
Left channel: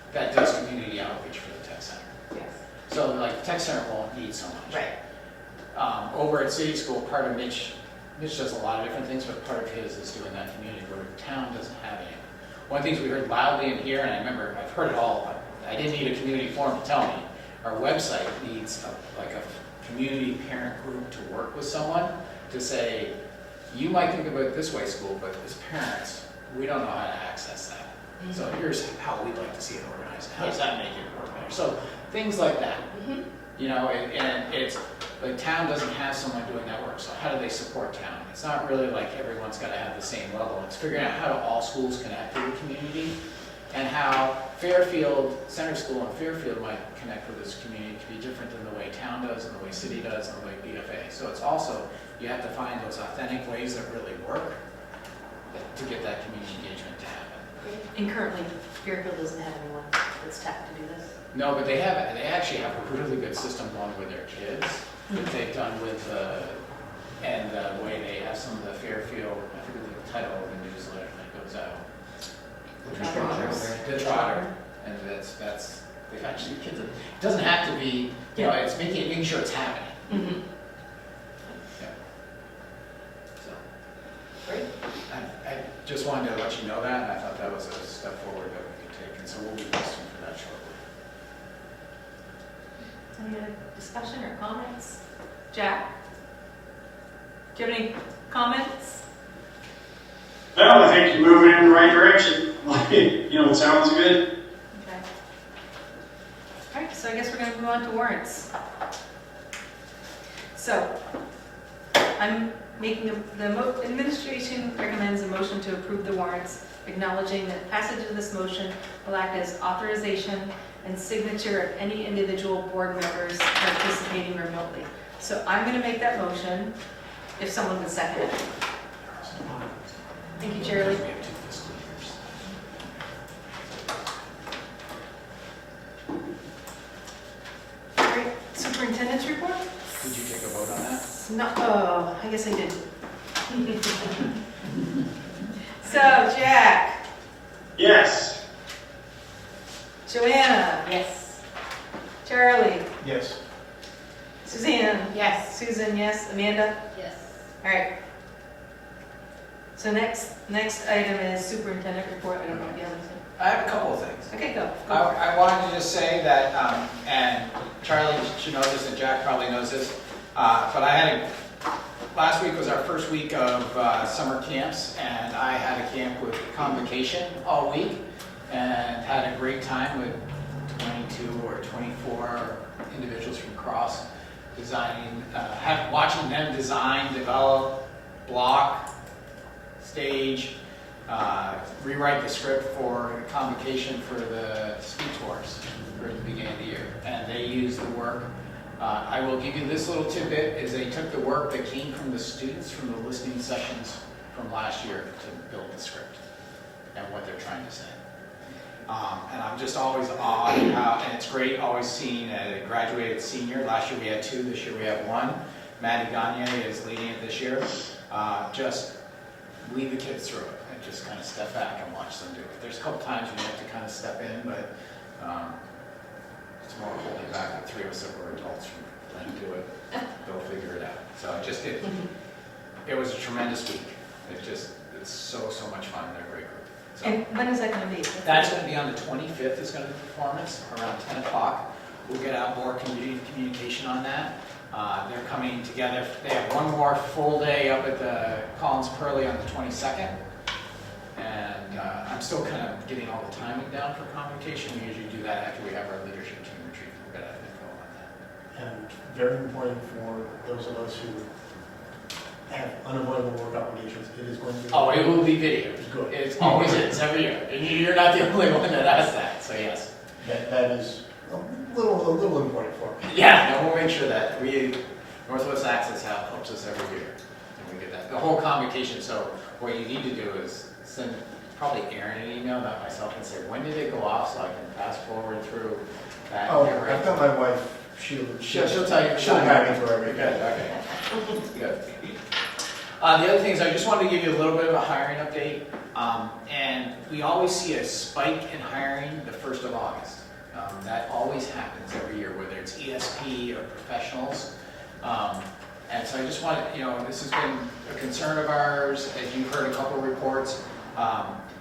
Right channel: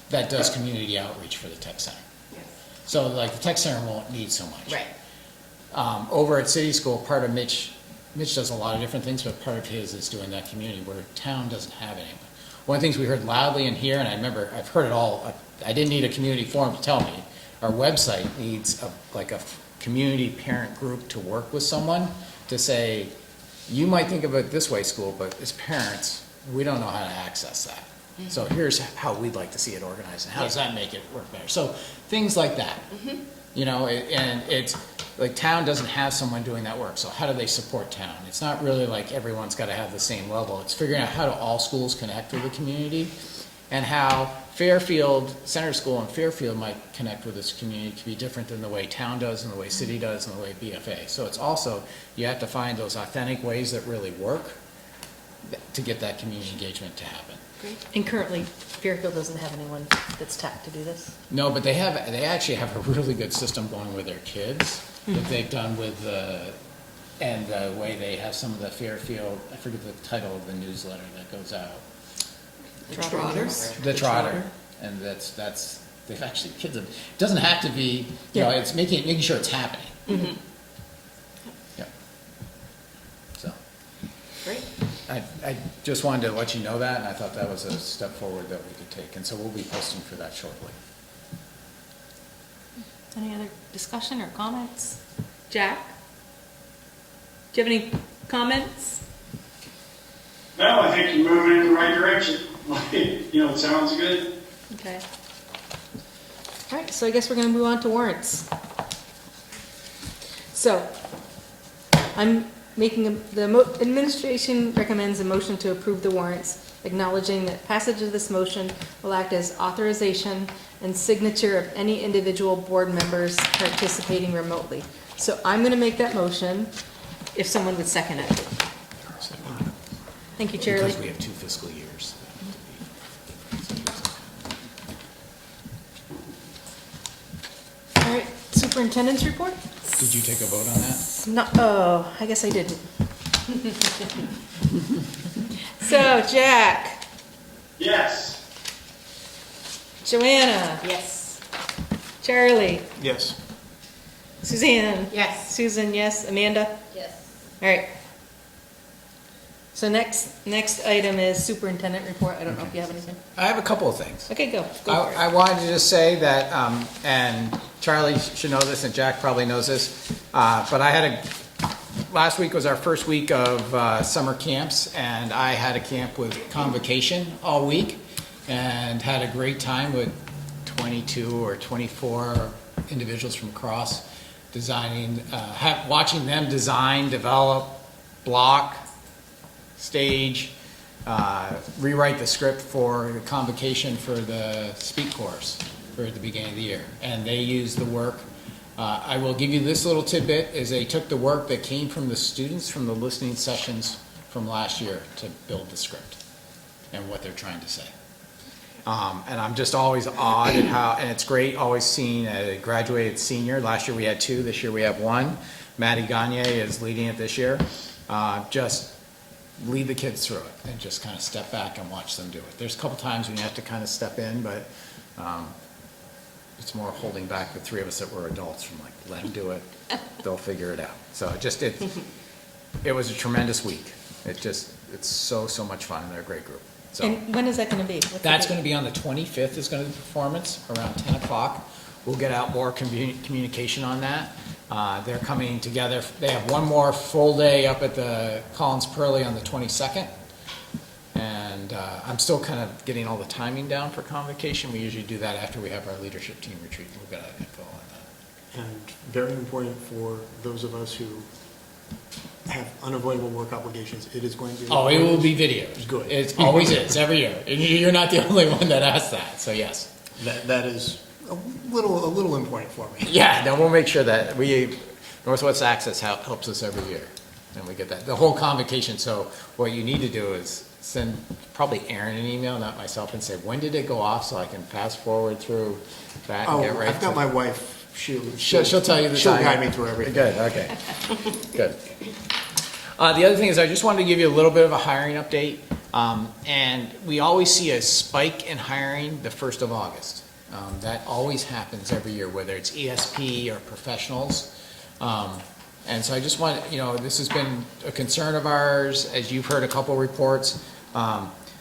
that does community outreach for the tech center. Yes. So like the tech center won't need so much. Right. Over at City School, part of Mitch does a lot of different things, but part of his is doing that community where town doesn't have anyone. One of the things we heard loudly in here, and I remember I've heard it all, I didn't need a community forum to tell me, our website needs a community parent group to work with someone to say, you might think of it this way, school, but as parents, we don't know how to access that. Mm-hmm. So here's how we'd like to see it organized, and how does that make it work better? So things like that. Mm-hmm. And it's like town doesn't have someone doing that work, so how do they support town? It's not really like everyone's got to have the same level. It's figuring out how do all schools connect with the community, and how Fairfield, Center School and Fairfield might connect with this community can be different than the way town does and the way city does and the way BFA. So it's also, you have to find those authentic ways that really work to get that community engagement to happen. And currently, Fairfield doesn't have anyone that's tapped to do this? No, but they actually have a really good system going with their kids that they've done with and the way they have some of the Fairfield, I forget the title of the newsletter that goes out. The Trotter. And that's they've actually kids. It doesn't have to be, it's making sure it's happening. Mm-hmm. Yeah. So. Great. I just wanted to let you know that, and I thought that was a step forward that we could take, and so we'll be posting for that shortly. Any other discussion or comments? Jack? Do you have any comments? Well, I think you're moving in the right direction. It sounds good. Okay. All right, so I guess we're going to move on to warrants. So, I'm making administration recommends a motion to approve the warrants, acknowledging that passage of this motion will act as authorization and signature of any individual board members participating remotely. So I'm going to make that motion. if someone would second it. Thank you, Because Charlie. we have 2 fiscal years. All right, superintendent's report? Did you take a vote on that? No, oh, I guess I did. So, Jack, Yes. Joanna, Yes. Charlie, Yes. Suzanne, Yes. Susan, yes, Amanda? Yes. All right. So next item is superintendent report. I don't know if you have anything. I have a couple of things. Okay, go. Go for it. I wanted to just say that, and Charlie should know this, and Jack probably knows this, but last week was our first week of summer camps, and I had a camp with convocation all week, and had a great time with 22 or 24 individuals from across designing, watching them design, develop, block, stage, rewrite the script for convocation for the speak course for the beginning of the year. And they used the work. I will give you this little tidbit, is they took the work that came from the students from the listening sessions from last year to build the script and what they're trying to say. And I'm just always awed at how, and it's great always seeing a graduated senior. Last year we had 2, this year we have 1. Maddie Gagne is leading it this year. Just lead the kids through it and just kind of step back and watch them do it. There's a couple times when you have to kind of step in, but it's more holding back the 3 of us that were adults from like, let them do it, they'll figure it out. So it was a tremendous week. It's so much fun, and they're a great group. So And when is that going to be? that's going to be on the 25th is going to be the performance around 10 o'clock. We'll get out more communication on that. They're coming together. They have one more full day up at the Collins Pearly on the 22nd. And I'm still kind of getting all the timing down for convocation. We usually do that after we have our leadership team retreat. We'll get info on that. And very important for those of us who have unavoidable work obligations, it is going to be. Oh, it will be video. Good. It always is, every year. And you're not the only one that asks that, so yes. That is a little important for me. Yeah, no, we'll make sure that Northwest Access helps us every year. And we get that, the whole convocation. So what you need to do is send probably Aaron an email, not myself, and say, when did it go off, so I can fast forward through that and get right I've got my wife, She'll tell you the she'll time. guide me through everything. Good, okay. Good. The other thing is I just wanted to give you a little bit of a hiring update. And we always see a spike in hiring the 1st of August. That always happens every year, whether it's ESP or professionals. And so I just want, this has been a concern of ours, as you've heard a couple reports.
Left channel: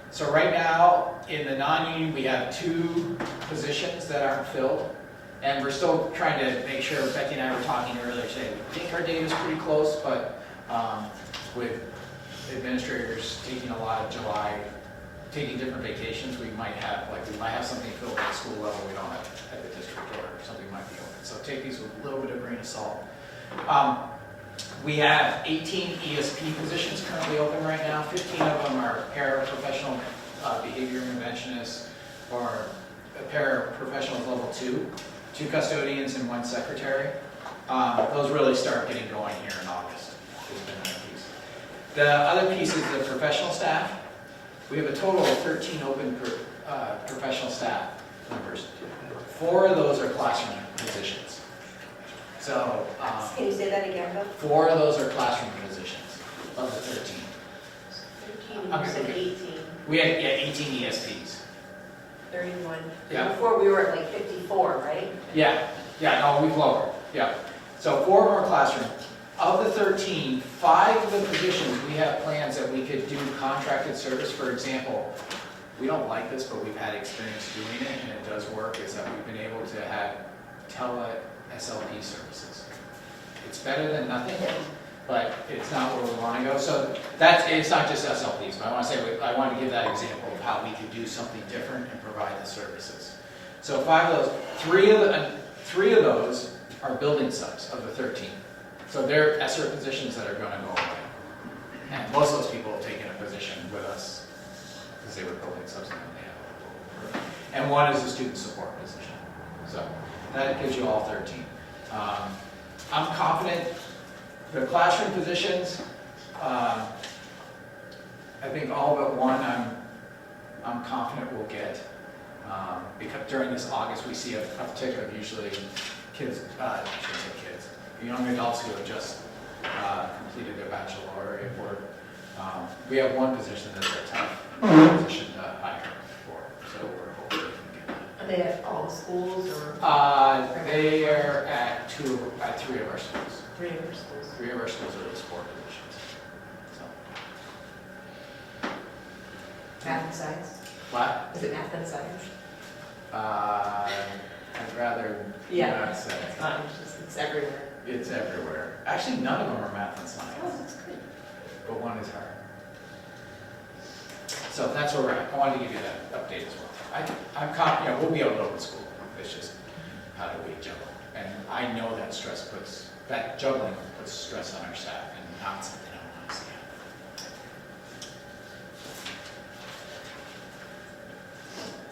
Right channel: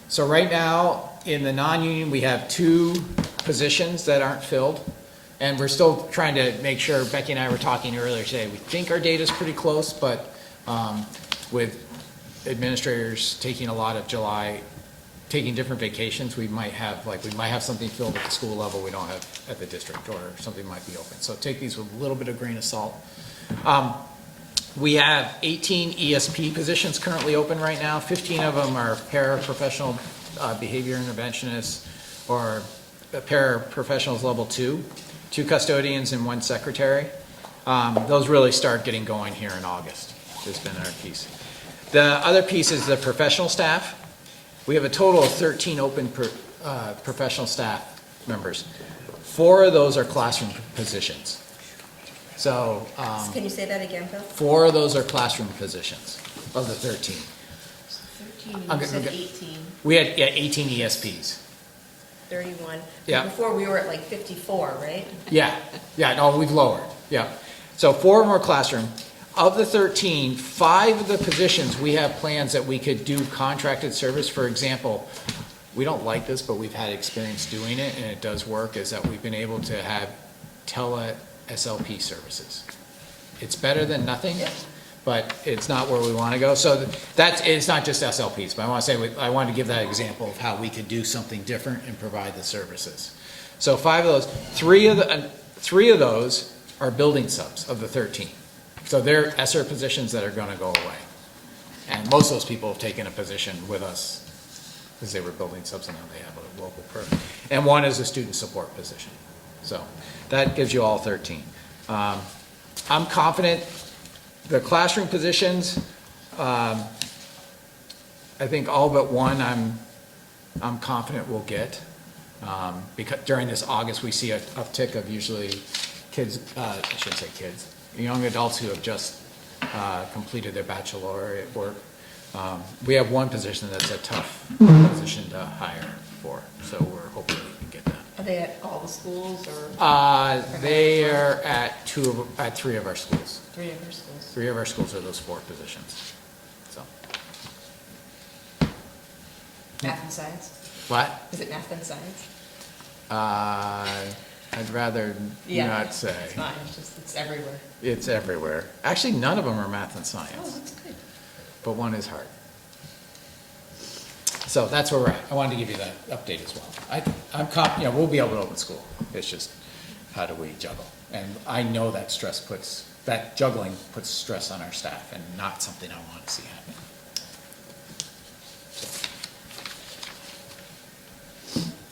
So right now, in the non-union, we have 2 positions that aren't filled. And we're still trying to make sure, Becky and I were talking earlier today, we think our data's pretty close, but with administrators taking a lot of July, taking different vacations, we might have something filled at the school level we don't have at the district, or something might be open. So take these with a little bit of grain of salt. We have 18 ESP positions currently open right now. 15 of them are paraprofessional behavior interventionists or paraprofessionals level 2, 2 custodians and 1 secretary. Those really start getting going here in August. Has been our piece. The other piece is the professional staff. We have a total of 13 open professional staff members. 4 of those are classroom positions. So, Can you say that again, Bill? 4 of those are classroom positions of the 13. 13, I'm you said gonna- 18, We had 18 ESPs. 31. Yeah. Before we were at like 54, right? Yeah, no, we've lowered, yeah. So 4 of them are classroom. Of the 13, 5 of the positions, we have plans that we could do contracted service. For example, we don't like this, but we've had experience doing it, and it does work, is that we've been able to have tele-SLP services. It's better than nothing, but it's not where we want to go. So it's not just SLPs, but I want to give that example of how we can do something different and provide the services. So 5 of those, 3 of those are building subs of the 13. So they're ESSER positions that are going to go away. And most of those people have taken a position with us because they were building subs and then they have a local program. And 1 is a student support position. So that gives you all 13. I'm confident The classroom positions, I think all but one I'm confident we'll get. Because during this August, we see an uptick of usually kids, I shouldn't say kids, young adults who have just completed their baccalaureate work. We have one position that's a tough position to hire for, so we're hoping we can get that. Are they at all the schools or They are at three of our schools. 3 of your schools? Three of our schools are those 4 positions. So, Math and science? what? Is it math and science? I'd rather not say. It's not, it's everywhere. It's everywhere. Actually, none of them are math and Oh, science, that's good. but one is hard. So that's where we're at. I wanted to give you that update as well. We'll be able to open school. It's just, how do we juggle? And I know that juggling puts stress on our staff and not something I want to see happen.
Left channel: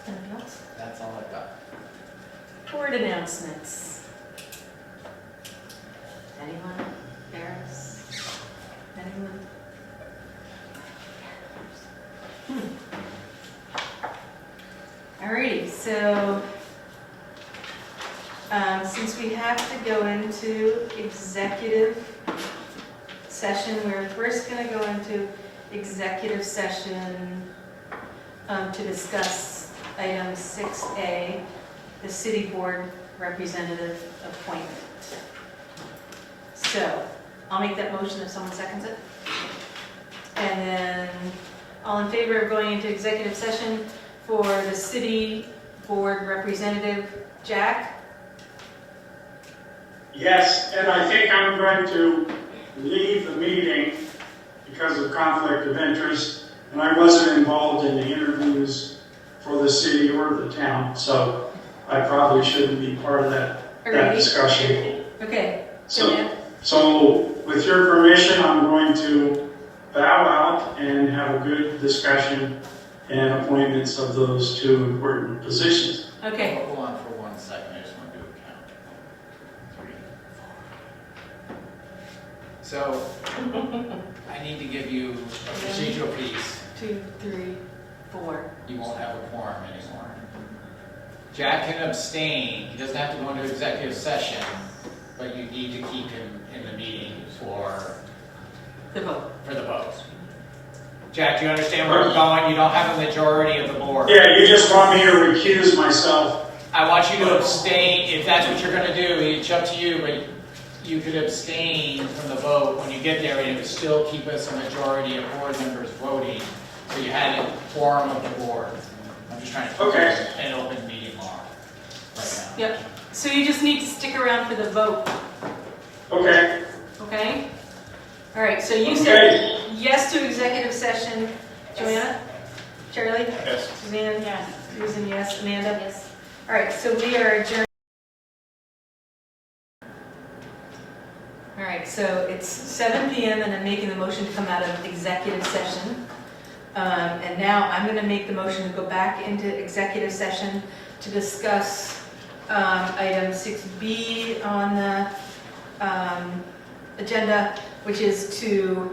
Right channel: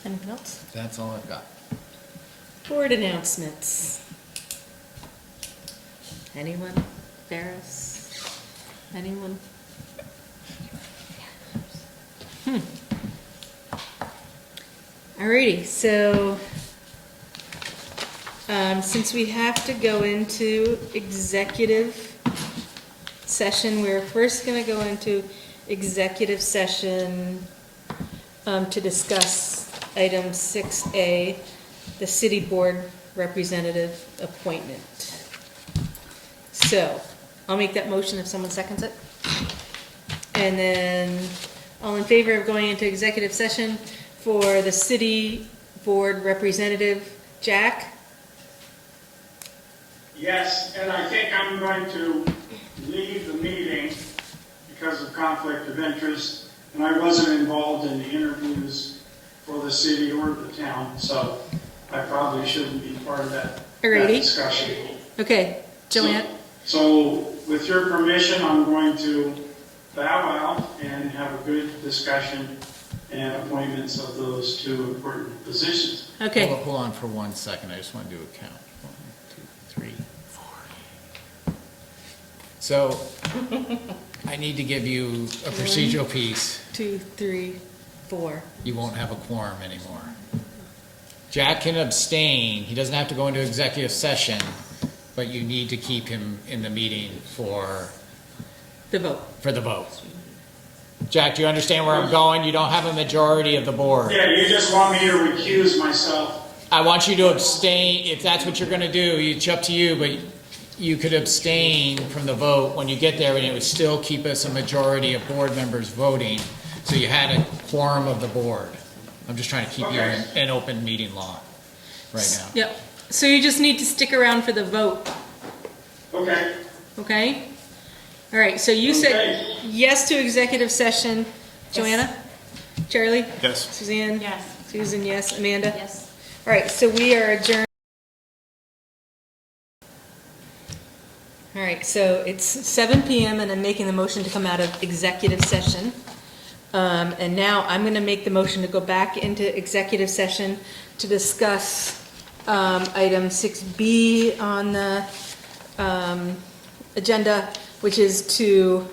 Anything else? That's all I've got. Board announcements. Anyone? There's anyone? Alrighty, so since we have to go into executive session, we're first going to go into executive session to discuss item 6A, the city board representative appointment. So, I'll make that motion if someone seconds it. And then, all in favor of going into executive session for the city board representative, Jack? Yes, and I think I'm going to leave the meeting because of conflict of interest, and I wasn't involved in the interviews for the city or the town, so I probably shouldn't be part of that discussion. Okay, Joanne? So, with your permission, I'm going to bow out and have a good discussion and appointments of those 2 important positions. Okay. Hold on for 1 second. I just want to do a count. 1, 2, 3, 4. So, I need to give you a procedural piece. 2, 3, 4. You won't have a quorum anymore. Jack can abstain. He doesn't have to go into executive session, but you need to keep him in the meeting for The vote. the vote. Jack, do you understand where I'm going? You don't have a majority of the board. Yeah, you just want me to recuse myself. I want you to abstain. If that's what you're going to do, it's up to you, but you could abstain from the vote when you get there, and it would still keep us a majority of board members voting, so you had a quorum of the board. I'm just trying to keep you in open meeting law right now. Yep. So you just need to stick around for the vote, Okay. okay? All right, so you said yes to executive session. Joanna? Charlie? Yes. Suzanne? Yes. Susan, yes. Amanda? Yes. All right, so we are adjourned. All right, so it's 7 p.m. and I'm making the motion to come out of executive session. And now I'm going to make the motion to go back into executive session to discuss item 6B on the agenda, which is to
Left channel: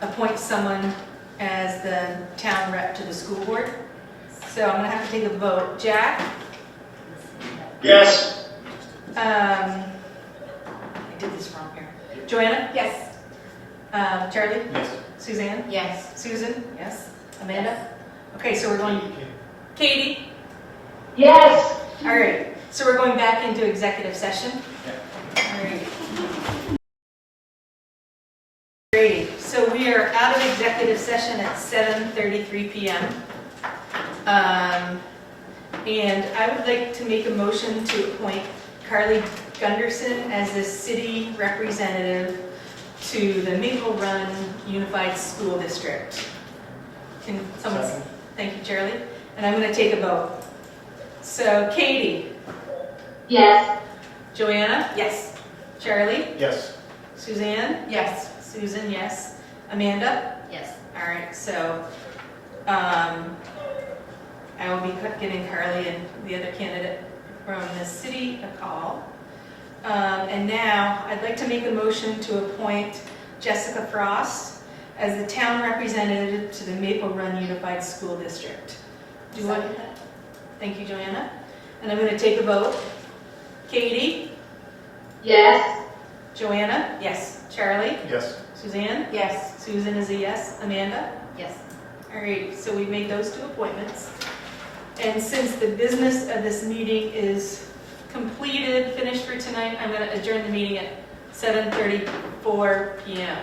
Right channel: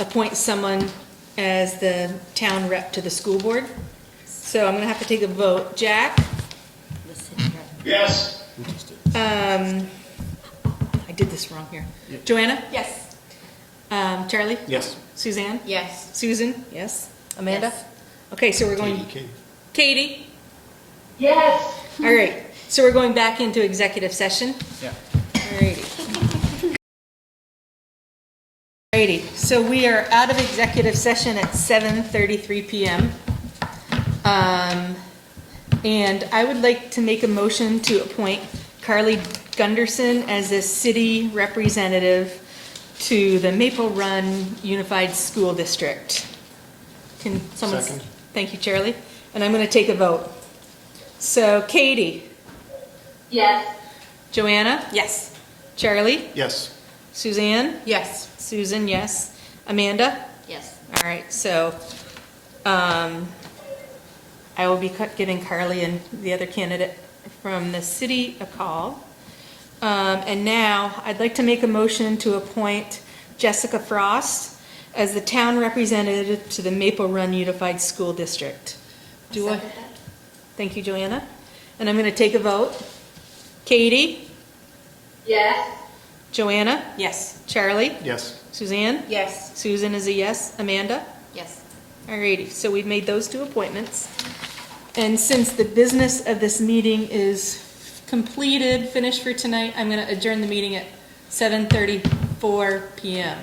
appoint someone as the town rep to the school board. So I'm going to have to take a vote. Jack? Yes. I did this wrong here. Joanna? Yes. Charlie? Yes. Suzanne? Yes. Susan? Yes. Amanda? Okay, so we're going. Katie. Katie? Yes. All right, so we're going back into executive session. Yeah. All right. Alrighty, so we are out of executive session at 7:33 p.m. And I would like to make a motion to appoint Carly Gunderson as a city representative to the Maple Run Unified School District. Can someone? Second. Thank you, Charlie. And I'm going to take a vote. So, Katie, Yes. Joanna, Yes. Charlie, Yes. Suzanne, Yes. Susan, yes. Amanda? Yes. All right, so I will be giving Carly and the other candidate from the city a call. And now, I'd like to make a motion to appoint Jessica Frost as the town representative to the Maple Run Unified School District. Do I? Thank you, Joanna. And I'm gonna take a vote. Katie? Yes. Joanna? Yes. Charlie? Yes. Suzanne? Yes. Susan is a yes. Amanda? Yes. Alrighty, so we've made those 2 appointments. And since the business of this meeting is completed, finished for tonight, I'm gonna adjourn the meeting at 7:34 p.m.